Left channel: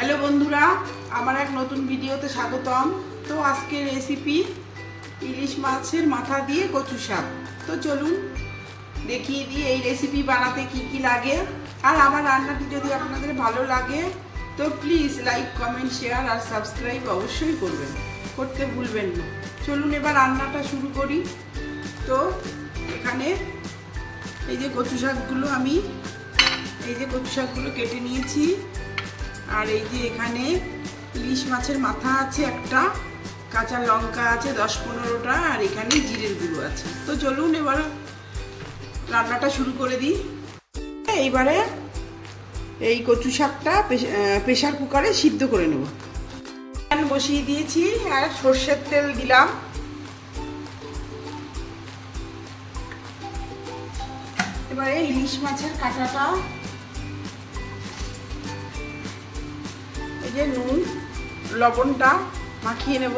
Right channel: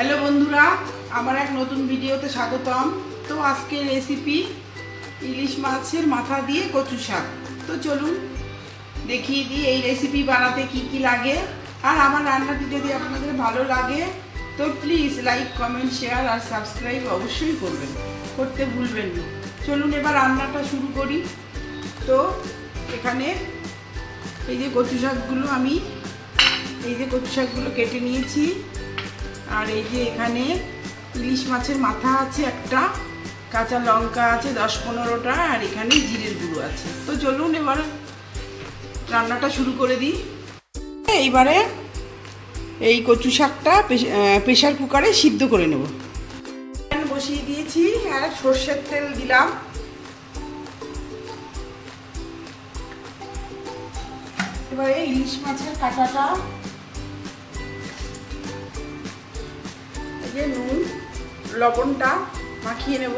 Hello बंधुरा आमार एक नतून भिडियोते स्वागतम। तो आजके रेसिपि इलिश माछेर माथा दिए कचु शाक। तो चलुन देखिए दी এই रेसिपि बनाते की लागे। और आमार रान्नाटी यदि आपनादेर भालो लागे तो प्लिज लाइक कमेंट शेयर और सबस्क्राइब अवश्यई करबेन, करते भूलबेन ना। चलुन एबार रान्नाटा शुरू करी। तो एखाने এই যে কচু শাকগুলো আমি কচু শাকগুলো কেটে নিয়েছি। আর এই যে এখানে ইলিশ মাছের মাথা আছে একটা, কাঁচা লঙ্কা আছে 10-15টা, আর এখানে জিরের গুঁড়ো আছে। তো চলুন এবার রান্নাটা শুরু করে দিই। এইবারে এই কচু শাকটা প্রেসার কুকারে সিদ্ধ করে নেব। প্যান বসিয়ে দিয়েছি আর সরষের তেল দিলাম। এবারে ইলিশ মাছের কাঁটাটা এই যে নুন লবণটা মাখিয়ে নেব।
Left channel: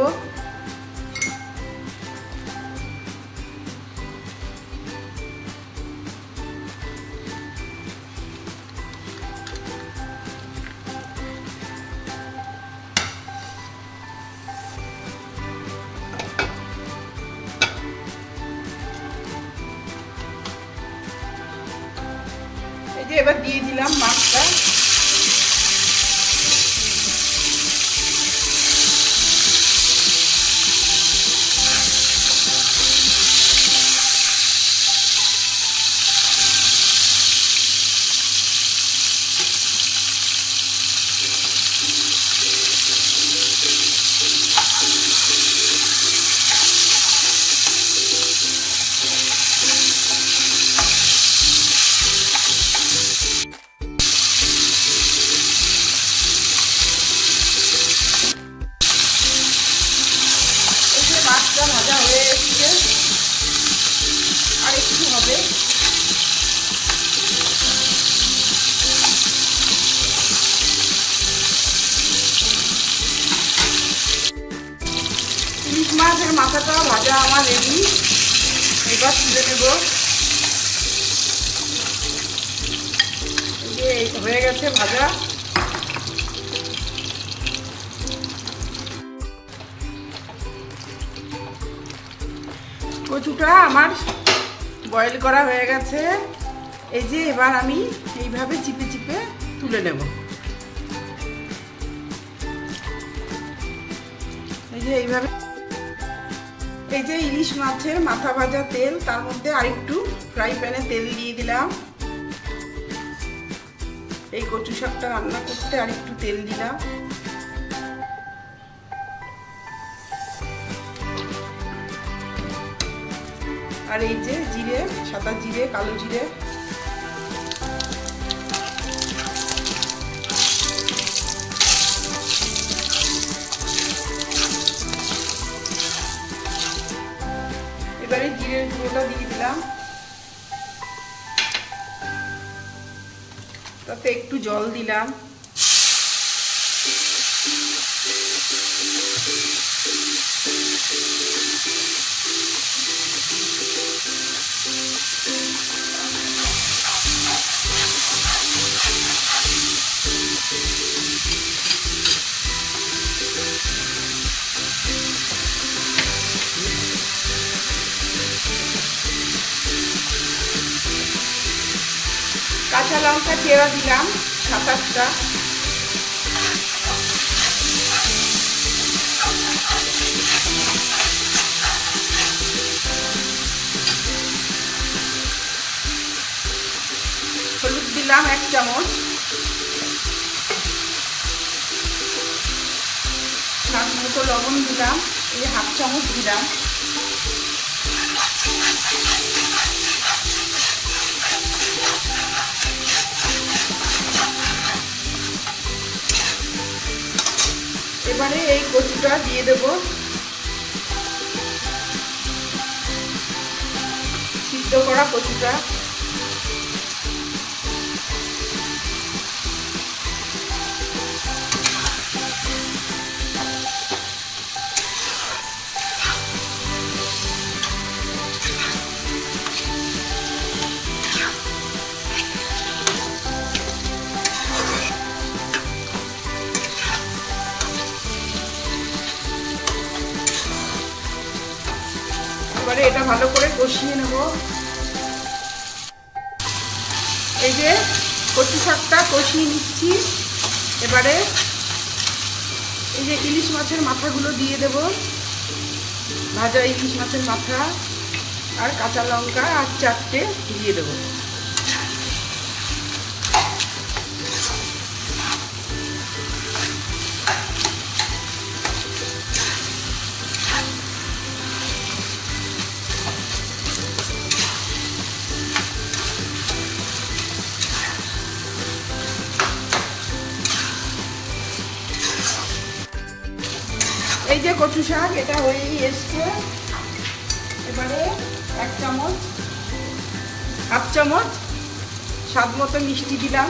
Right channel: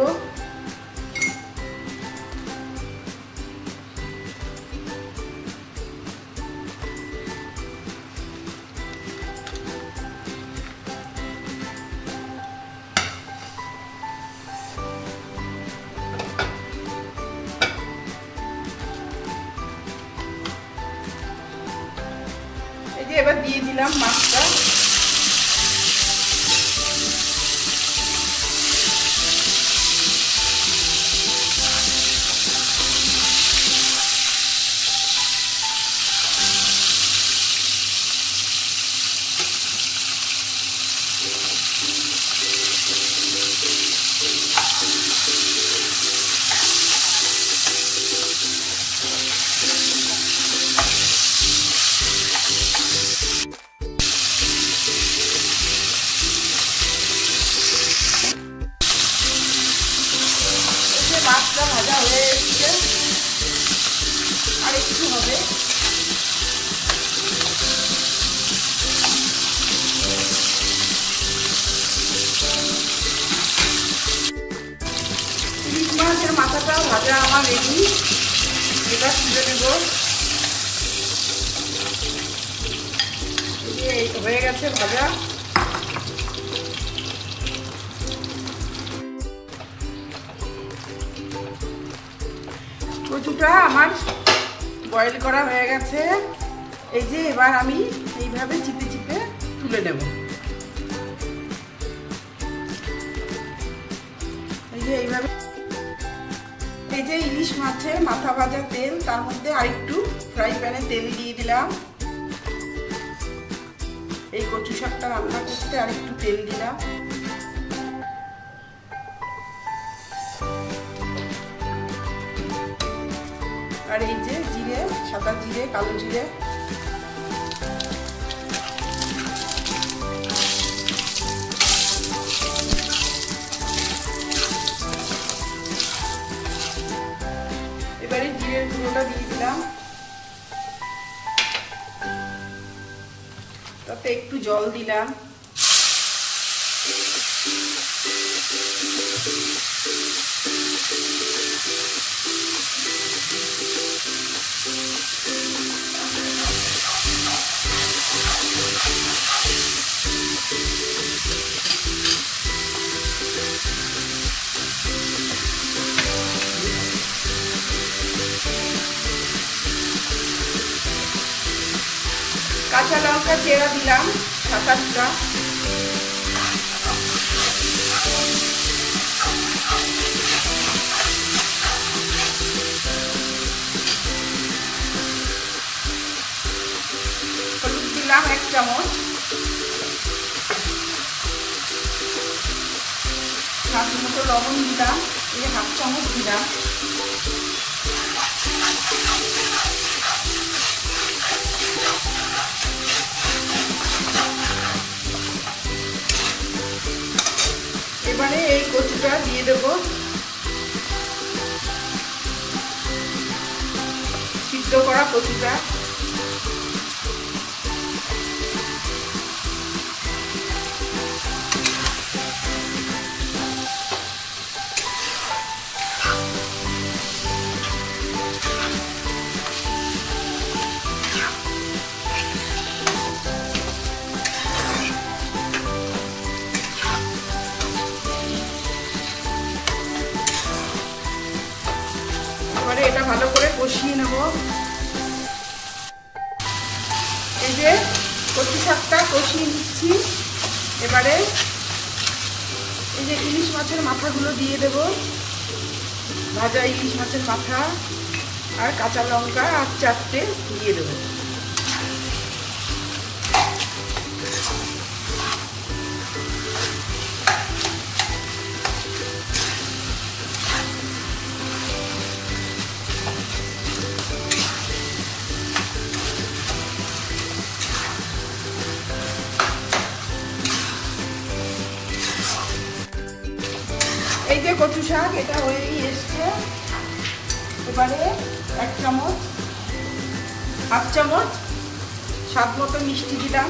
এই যে এবার দিয়ে দিলাম মাছটা। মাছটা ভাজা হয়ে এসছে, আর একটু হবে। ইলিশ মাছের মাথাটা ভাজা আমার রেডি। এবার তুলে নেব। এই হয়ে গেছে ভাজা। কচুটা আমার বয়েল করা হয়ে গেছে। এই যে এবার আমি এইভাবে চিপে চিপে তুলে নেব। এই যে এইভাবে এই যে ইলিশ মাছের মাথা ভাজা তেল, তার মধ্যে আরেকটু ফ্রাই প্যানে তেল দিয়ে দিলাম। এই কচু শাকটা রান্না করতে আরেকটু তেল দিলাম। আর এই যে জিরে, সাদা জিরে, কালো জিরে, এবারে জিরের গুঁড়োটা দিয়ে দিলাম। তাতে একটু জল দিলাম। কাঁচা লঙ্কা চেরা দিলাম 7-8টা। হলুদ দিলাম 1 চামচ। স্বাদ মতো লবণ দিলাম, এই 1/2 চামচ দিলাম। এবারে এই কচুটা দিয়ে দেব। সিদ্ধ করা কচুটা কষিয়ে নেব। এই যে কচু শাকটা কষিয়ে নিচ্ছি। এবারে এই যে ইলিশ মাছের মাথাগুলো দিয়ে দেব, ভাজা ইলিশ মাছের মাথা আর কাঁচা লঙ্কা আর 4টে দিয়ে দেবো। এই যে কচু শাক এটা হয়েই এসছে। এবারে 1 চামচ, হাফ চামচ স্বাদ মতো মিষ্টি দিলাম।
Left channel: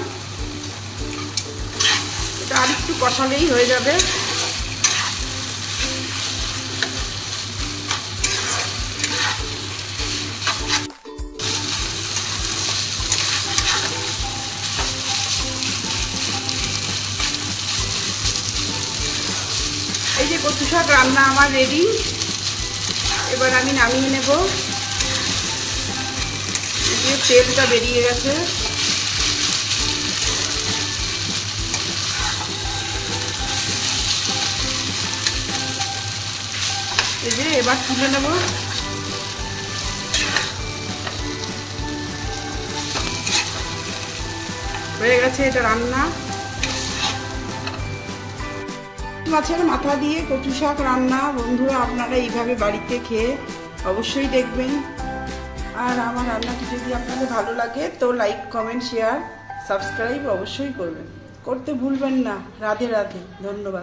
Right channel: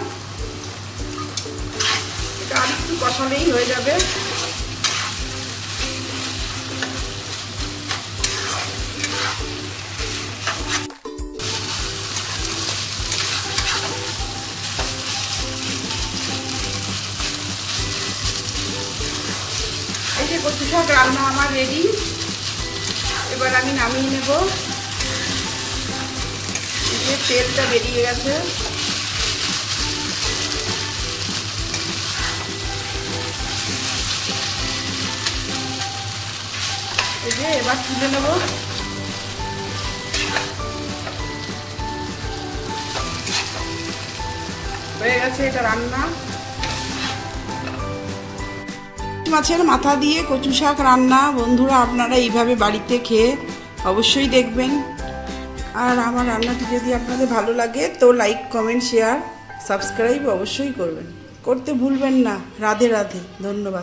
এটা আর একটু কষালেই হয়ে যাবে। এই যে কচু শাক রান্না আমার রেডি। এবার আমি নামিয়ে নেব। এই যে তেলটা বেরিয়ে গেছে। এই যে এবার তুলে নেব। হয়ে গেছে এটা রান্না। মাছের মাথা দিয়ে কচু শাক রান্না। বন্ধুরা আপনারা এইভাবে বাড়িতে খেয়ে অবশ্যই দেখবেন। আর আমার রান্নাটি যদি আপনাদের ভালো লাগে তো লাইক, কমেন্ট, শেয়ার, সাবস্ক্রাইব অবশ্যই করবেন, করতে ভুলবেন না। রাধে রাধে, ধন্যবাদ।